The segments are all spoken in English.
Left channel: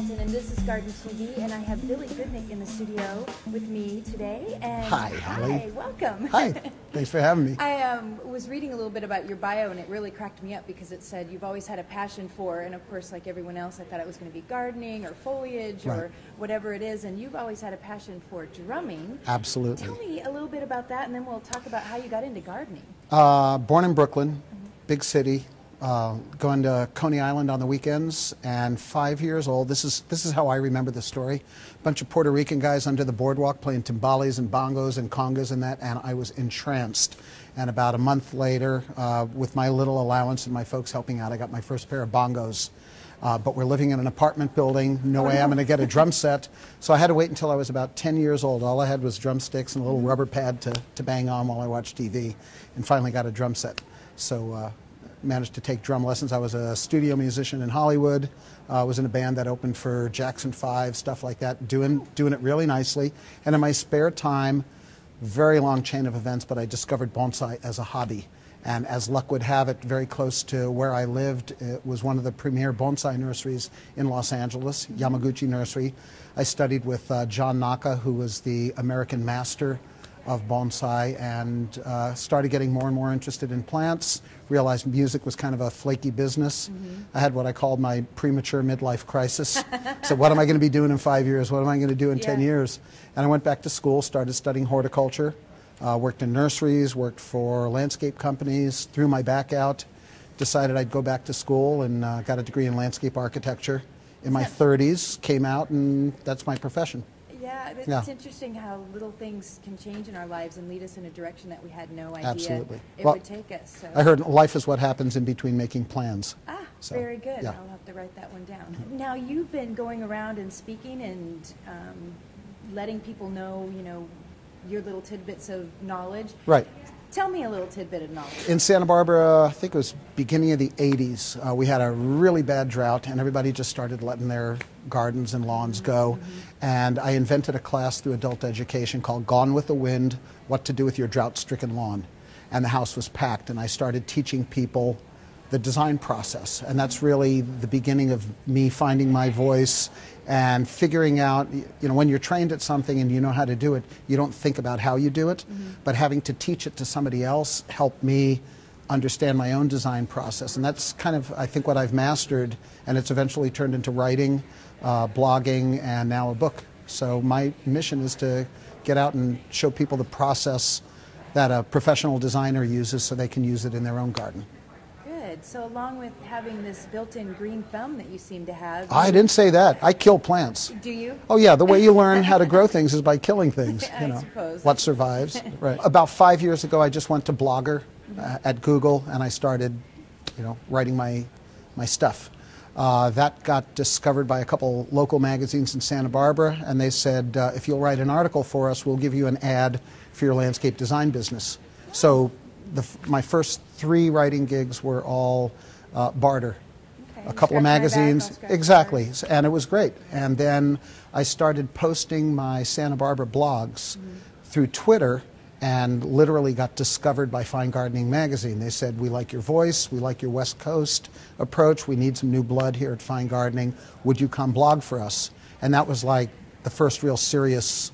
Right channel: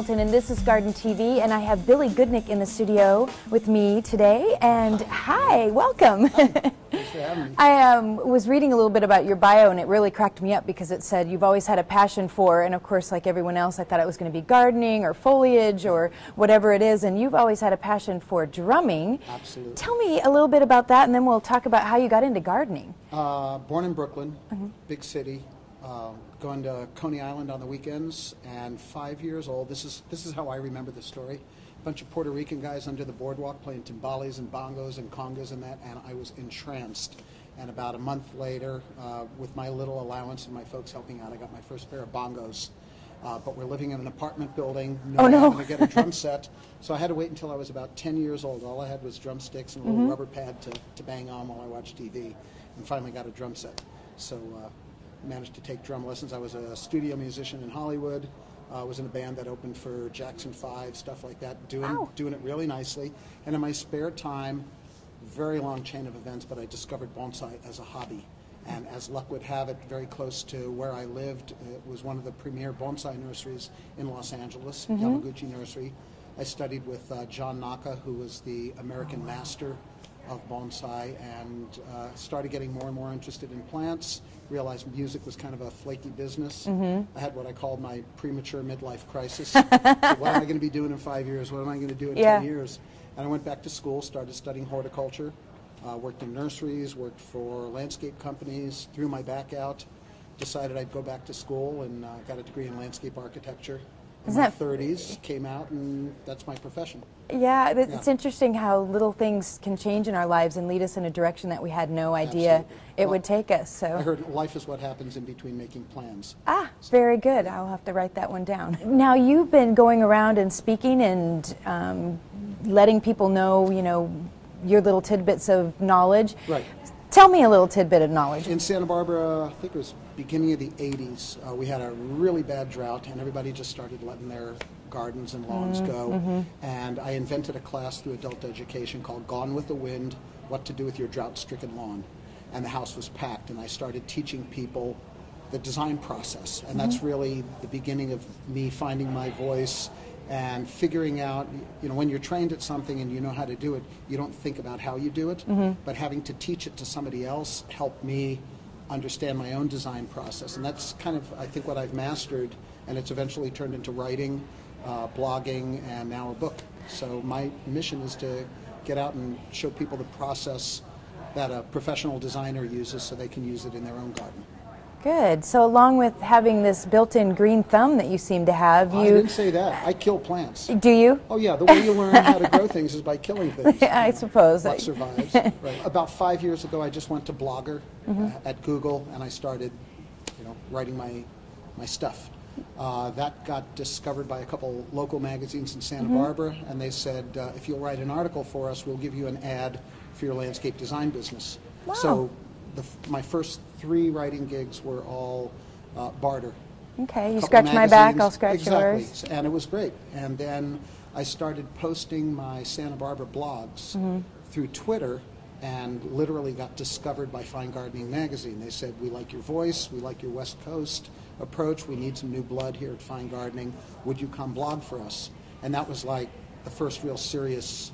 Hamilton, and this is Garden TV, and I have Billy Goodnick in the studio with me today. And hi, welcome. Hi, thanks for having me. I was reading a little bit about your bio, and it really cracked me up because it said you've always had a passion for, and of course, like everyone else, I thought it was going to be gardening or foliage or whatever it is, and you've always had a passion for drumming. Absolutely. Tell me a little bit about that, and then we'll talk about how you got into gardening. Born in Brooklyn, big city. Going to Coney Island on the weekends, and 5 years old. This is how I remember the story. A bunch of Puerto Rican guys under the boardwalk playing timbales and bongos and congas and that, and I was entranced. And about a month later, with my little allowance and my folks helping out, I got my first pair of bongos. But we're living in an apartment building. No way I'm going to get a drum set. So I had to wait until I was about 10 years old. All I had was drumsticks and a little rubber pad to bang on while I watched TV, and finally got a drum set. So managed to take drum lessons. I was a studio musician in Hollywood. Was in a band that opened for Jackson 5, stuff like that, doing it really nicely. And in my spare time, very long chain of events, but I discovered bonsai as a hobby. And as luck would have it, very close to where I lived, it was one of the premier bonsai nurseries in Los Angeles, Yamaguchi Nursery. I studied with John Naka, who was the American master of bonsai, and started getting more and more interested in plants, realized music was kind of a flaky business. I had what I called my premature midlife crisis. So what am I going to be doing in 5 years? What am I going to do in 10 years? And I went back to school, started studying horticulture, worked in nurseries, worked for landscape companies, threw my back out, decided I'd go back to school, and got a degree in landscape architecture. In my 30s, came out, and that's my profession. Yeah, it's interesting how little things can change in our lives and lead us in a direction that we had no idea it would take us. So I heard life is what happens in between making plans. So, very good. I'll have to write that one down. Now, you've been going around and speaking and letting people know, your little tidbits of knowledge. Right. Tell me a little tidbit of knowledge. In Santa Barbara, I think it was beginning of the 80s, we had a really bad drought, and everybody just started letting their gardens and lawns go. And I invented a class through adult education called Gone with the Wind, What to Do with Your Drought-Stricken Lawn. And the house was packed, and I started teaching people the design process. And that's really the beginning of me finding my voice and figuring out, when you're trained at something and you know how to do it, you don't think about how you do it, but having to teach it to somebody else helped me understand my own design process. And that's kind of, I think, what I've mastered, and it's eventually turned into writing, blogging, and now a book. So my mission is to get out and show people the process that a professional designer uses so they can use it in their own garden. Good. So along with having this built-in green thumb that you seem to have... I didn't say that. I kill plants. Do you? Oh yeah, the way you learn how to grow things is by killing things. I suppose. What survives. Right. About 5 years ago, I just went to Blogger at Google, and I started, writing my stuff. That got discovered by a couple local magazines in Santa Barbara, and they said, if you'll write an article for us, we'll give you an ad for your landscape design business. Wow. So my first 3 writing gigs were all barter. Okay, a you couple of scratch my magazines. back, I'll scratch Exactly, yours. And it was great. And then I started posting my Santa Barbara blogs through Twitter, and literally got discovered by Fine Gardening magazine. They said, we like your voice, we like your West Coast approach, we need some new blood here at Fine Gardening, would you come blog for us? And that was like the first real serious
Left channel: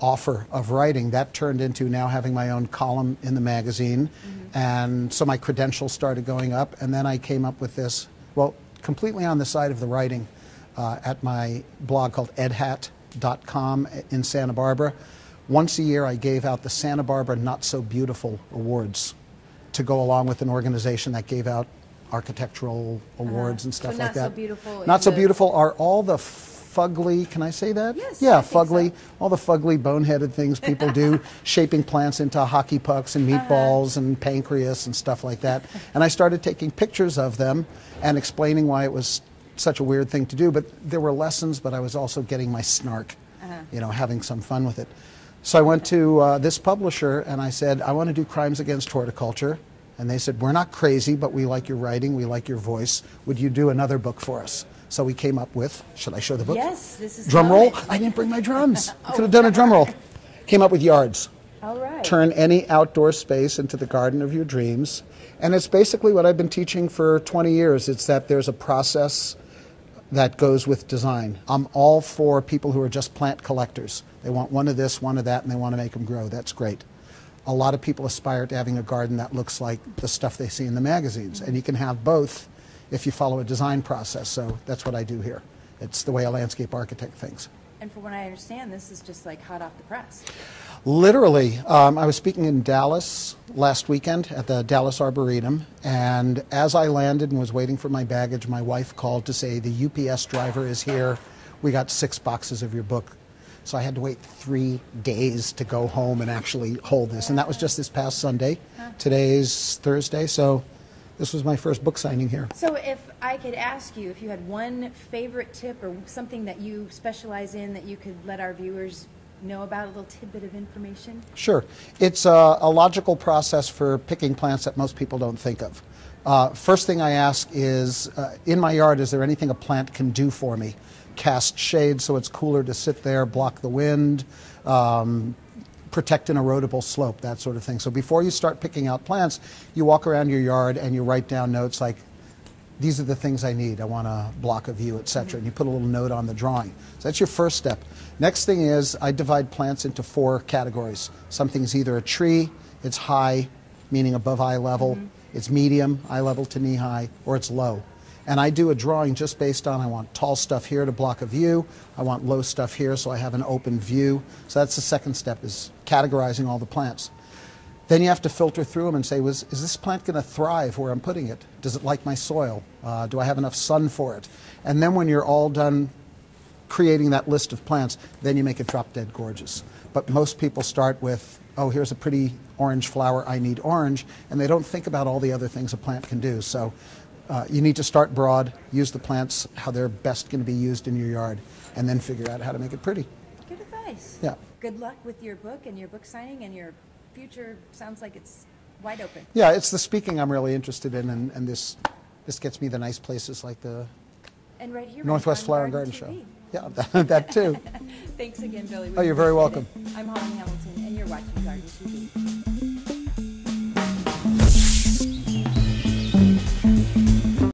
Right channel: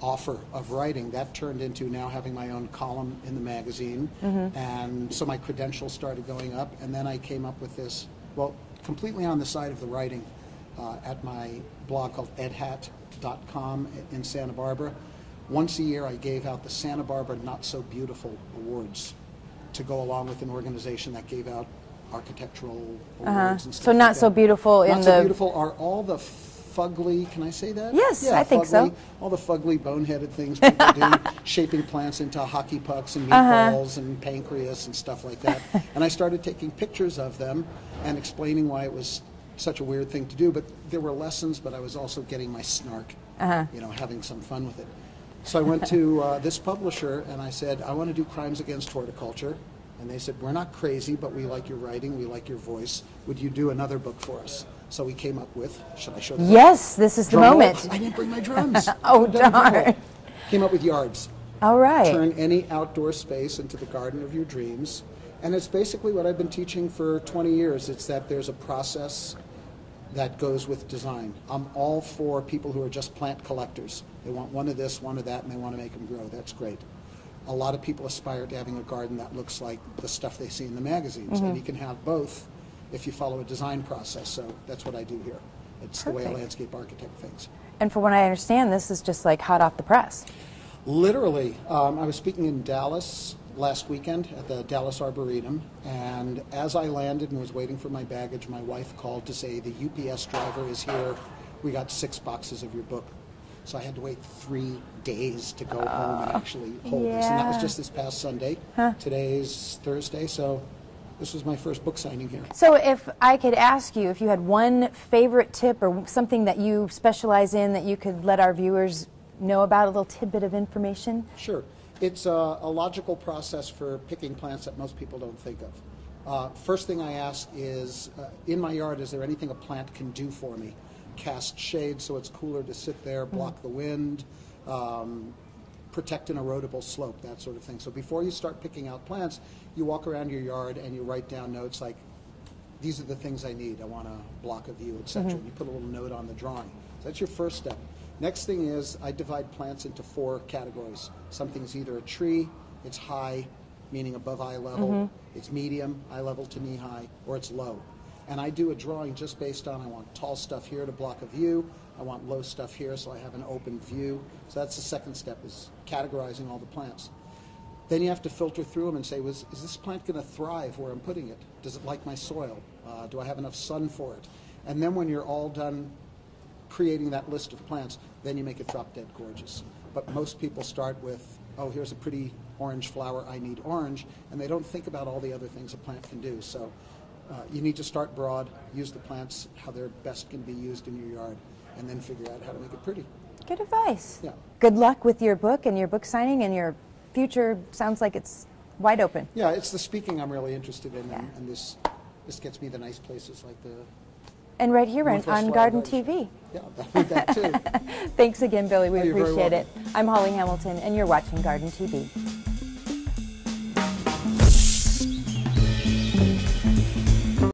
offer of writing. That turned into now having my own column in the magazine, and so my credentials started going up, and then I came up with this, well, completely on the side of the writing, at my blog called edhat.com in Santa Barbara. Once a year I gave out the Santa Barbara Not So Beautiful Awards to go along with an organization that gave out architectural awards and stuff so like that. Not So Beautiful. Not So Beautiful are all the fugly, can I say that? Yes, yeah, I think fugly, so. all the fugly, boneheaded things people do, shaping plants into hockey pucks and meatballs and pancreas and stuff like that. And I started taking pictures of them and explaining why it was such a weird thing to do. But there were lessons, but I was also getting my snark, having some fun with it. So I went to this publisher and I said, I want to do crimes against horticulture. And they said, we're not crazy, but we like your writing, we like your voice. Would you do another book for us? So we came up with, should I show the book? Yes, this is the Drum roll? moment. I didn't bring my drums. Oh, done a drum roll. Came up with Yards. All right. Turn any outdoor space into the garden of your dreams. And it's basically what I've been teaching for 20 years. It's that there's a process that goes with design. I'm all for people who are just plant collectors. They want one of this, one of that, and they want to make them grow. That's great. A lot of people aspire to having a garden that looks like the stuff they see in the magazines, and you can have both if you follow a design process. So that's what I do here. It's the way a landscape architect thinks. And from what I understand, this is just like hot off the press. Literally, I was speaking in Dallas last weekend at the Dallas Arboretum, and as I landed and was waiting for my baggage, my wife called to say the UPS driver is here. We got 6 boxes of your book. So I had to wait 3 days to go home and actually hold this. And that was just this past Sunday. Today's Thursday, so this was my first book signing here. So if I could ask you if you had one favorite tip or something that you specialize in that you could let our viewers know about, a little tidbit of information? Sure. It's a logical process for picking plants that most people don't think of. First thing I ask is, in my yard, is there anything a plant can do for me? Cast shade so it's cooler to sit there, block the wind, protect an erodible slope, that sort of thing. So before you start picking out plants, you walk around your yard and you write down notes like, these are the things I need. I want to block a view, etc. And you put a little note on the drawing. So that's your first step. Next thing is I divide plants into 4 categories. Something's either a tree, it's high, meaning above eye level, it's medium, eye level to knee high, or it's low. And I do a drawing just based on, I want tall stuff here to block a view, I want low stuff here so I have an open view. So that's the second step, is categorizing all the plants. Then you have to filter through them and say, is this plant going to thrive where I'm putting it? Does it like my soil? Do I have enough sun for it? And then when you're all done creating that list of plants, then you make it drop dead gorgeous. But most people start with, oh, here's a pretty orange flower, I need orange, and they don't think about all the other things a plant can do. So you need to start broad, use the plants how they're best going to be used in your yard, and then figure out how to make it pretty. Good advice. Yeah. Good luck with your book and your book signing, and your future sounds like it's wide open. Yeah, it's the speaking I'm really interested in, and this gets me the nice places like the And right here Northwest on Flower Garden Garden TV. Show. Yeah, that too. Thanks again, Billy. We Oh, you're very appreciate welcome. it. I'm Holly Hamilton, and you're watching Garden TV.